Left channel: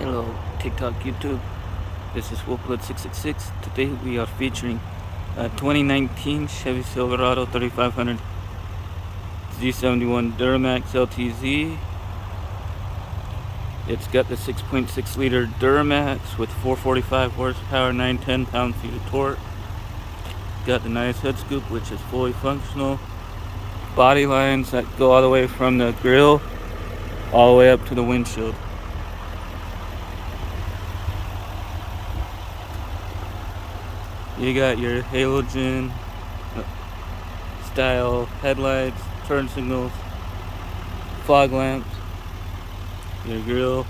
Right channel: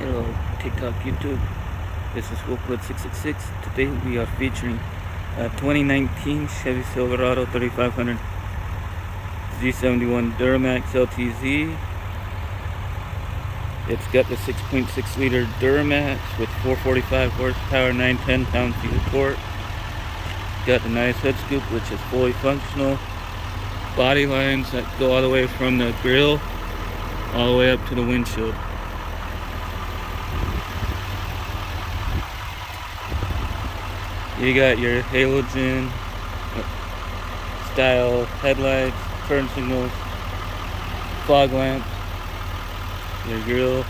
Hello TikTok, YouTube. This is Walkariund666. Today we are featuring a 2019 Chevy Silverado 3500 Z71 Duramax LTZ. It's got the 6.6 liter Duramax with 445 horsepower, 910 pound-feet of torque. Got the nice hood scoop, which is fully functional. Body lines that go all the way from the grill all the way up to the windshield. You got your halogen style headlights, turn signals, fog lamps, your grill,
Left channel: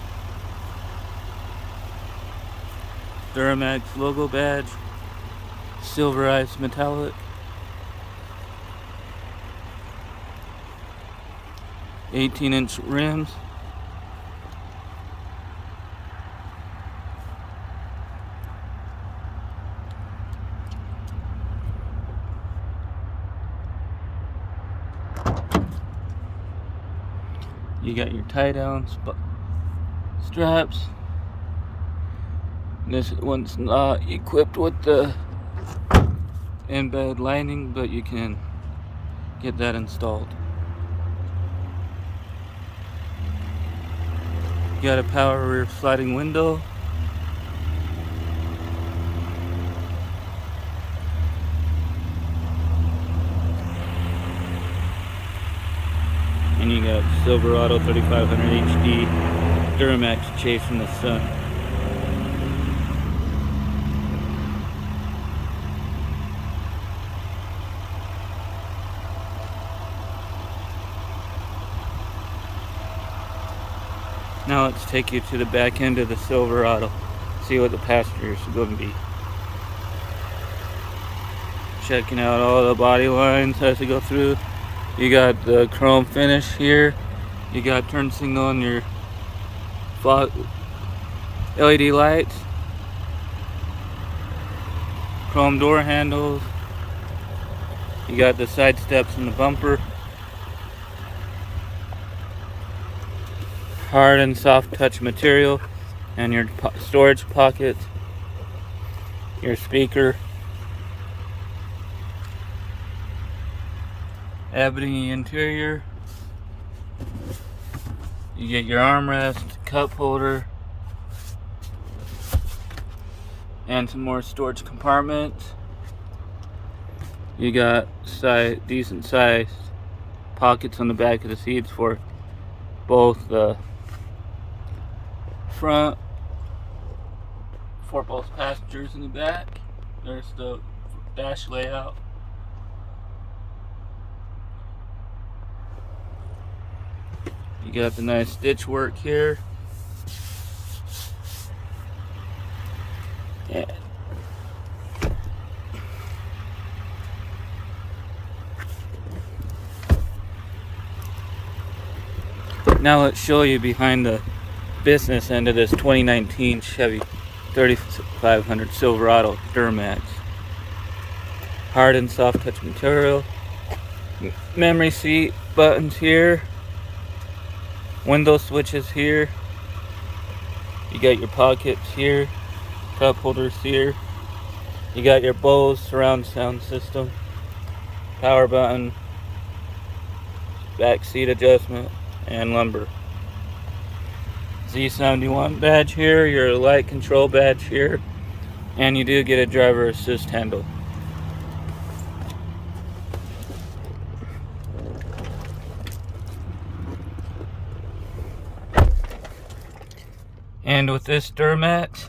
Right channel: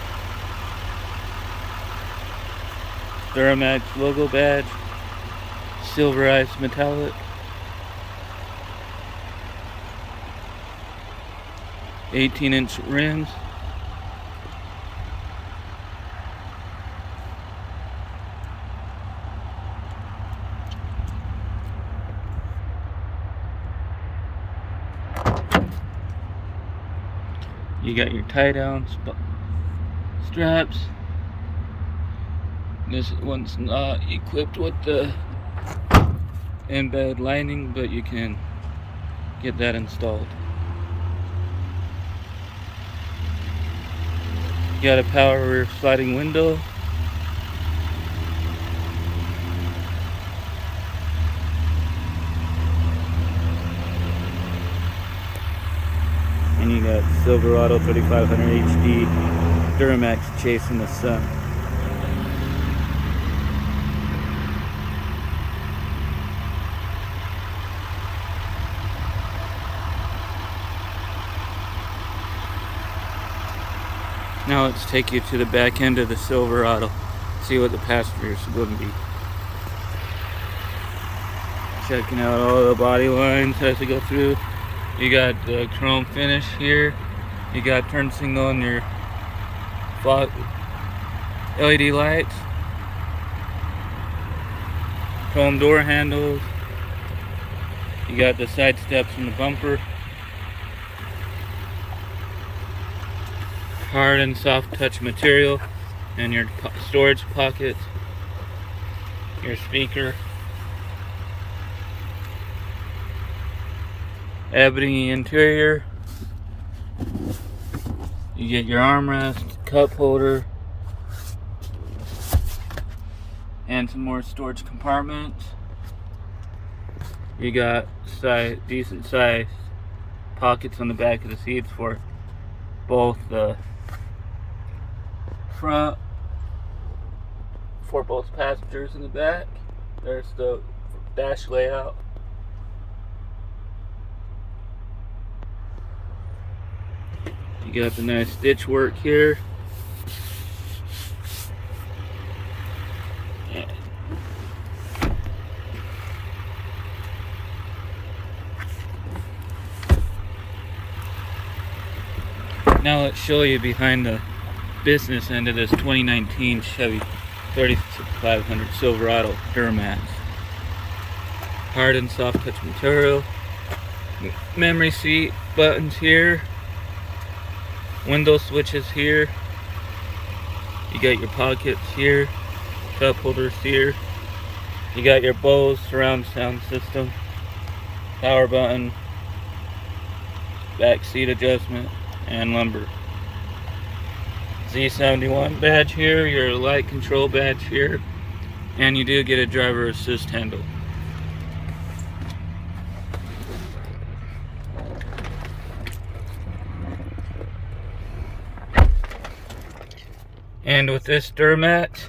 Duramax logo badge, silverized metallic, 18-inch rims. You got your tie down straps. This one's not equipped with the embed lining, but you can get that installed. You got a power rear sliding window. And you got Silverado 3500 HD Duramax chasing the sun. Now let's take you to the back end of the Silverado. See what the passengers are going to be. Checking out all the body lines as they go through. You got the chrome finish here. You got turn signal on your LED lights. Chrome door handles. You got the side steps in the bumper. Hard and soft touch material. And your storage pockets. Your speaker. Ebony interior. You get your armrest, cup holder, and some more storage compartments. You got decent sized pockets on the back of the seats for both the front, for both passengers in the back. There's the dash layout. You got the nice stitch work here. Yeah. Now let's show you behind the business end of this 2019 Chevy 3500 Silverado Duramax. Hard and soft touch material. Memory seat buttons here. Window switches here. You got your pockets here, cup holders here. You got your Bose surround sound system, power button, back seat adjustment, and lumbar. Z71 badge here, your light control badge here, and you do get a driver assist handle. And with this Duramax,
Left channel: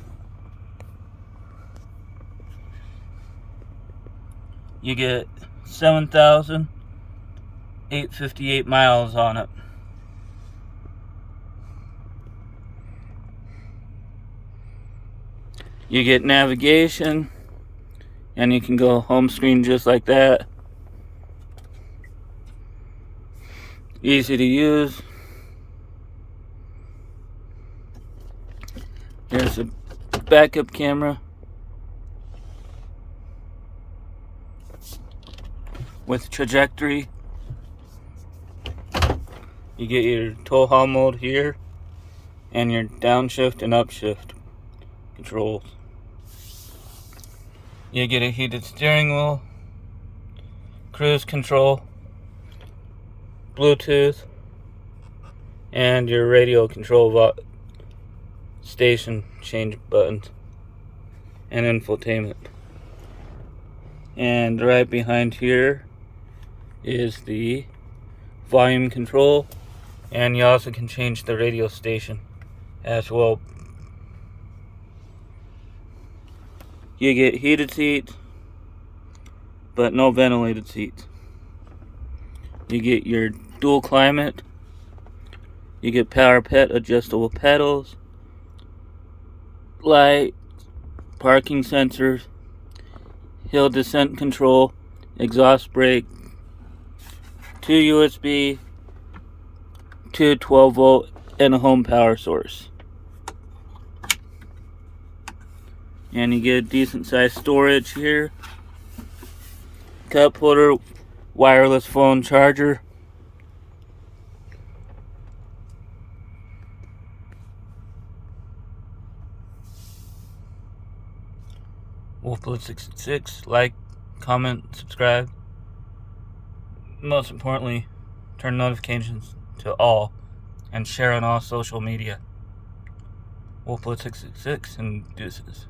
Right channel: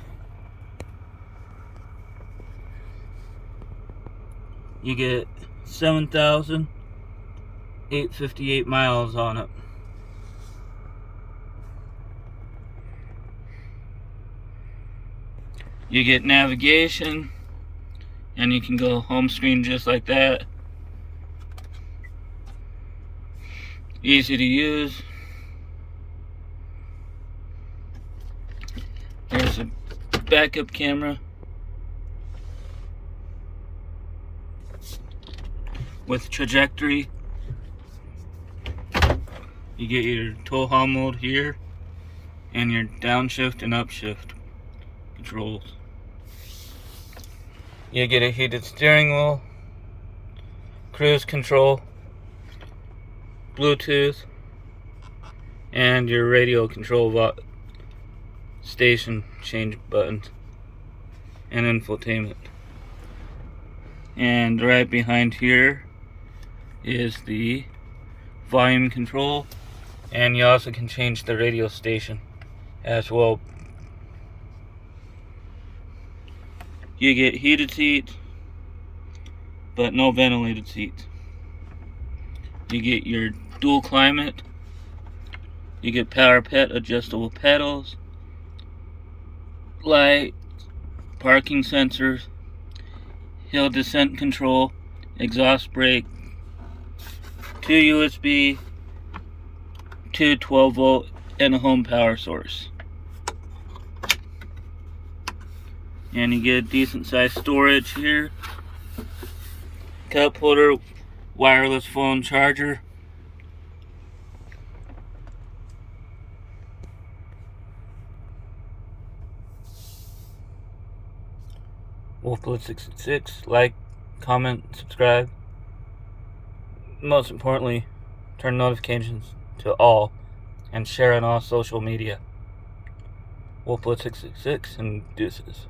you get 7,858 miles on it. You get navigation, and you can go home screen just like that. Easy to use. Here's a backup camera with trajectory. You get your tow haul mode here. and your downshift and upshift controls. You get a heated steering wheel, cruise control, Bluetooth, and your radio control station change buttons and infotainment. And right behind here is the volume control, and you also can change the radio station as well. You get heated seats, but no ventilated seats. You get your dual climate. You get power adjustable pedals, light, parking sensors, hill descent control, exhaust brake, 2 USB, 2 12-volt, and a home power source. And you get a decent sized storage here. Cup holder, wireless phone charger. Wolfblood666, like, comment, subscribe. Most importantly, turn notifications to all and share on all social media. Wolfblood666 and deuces.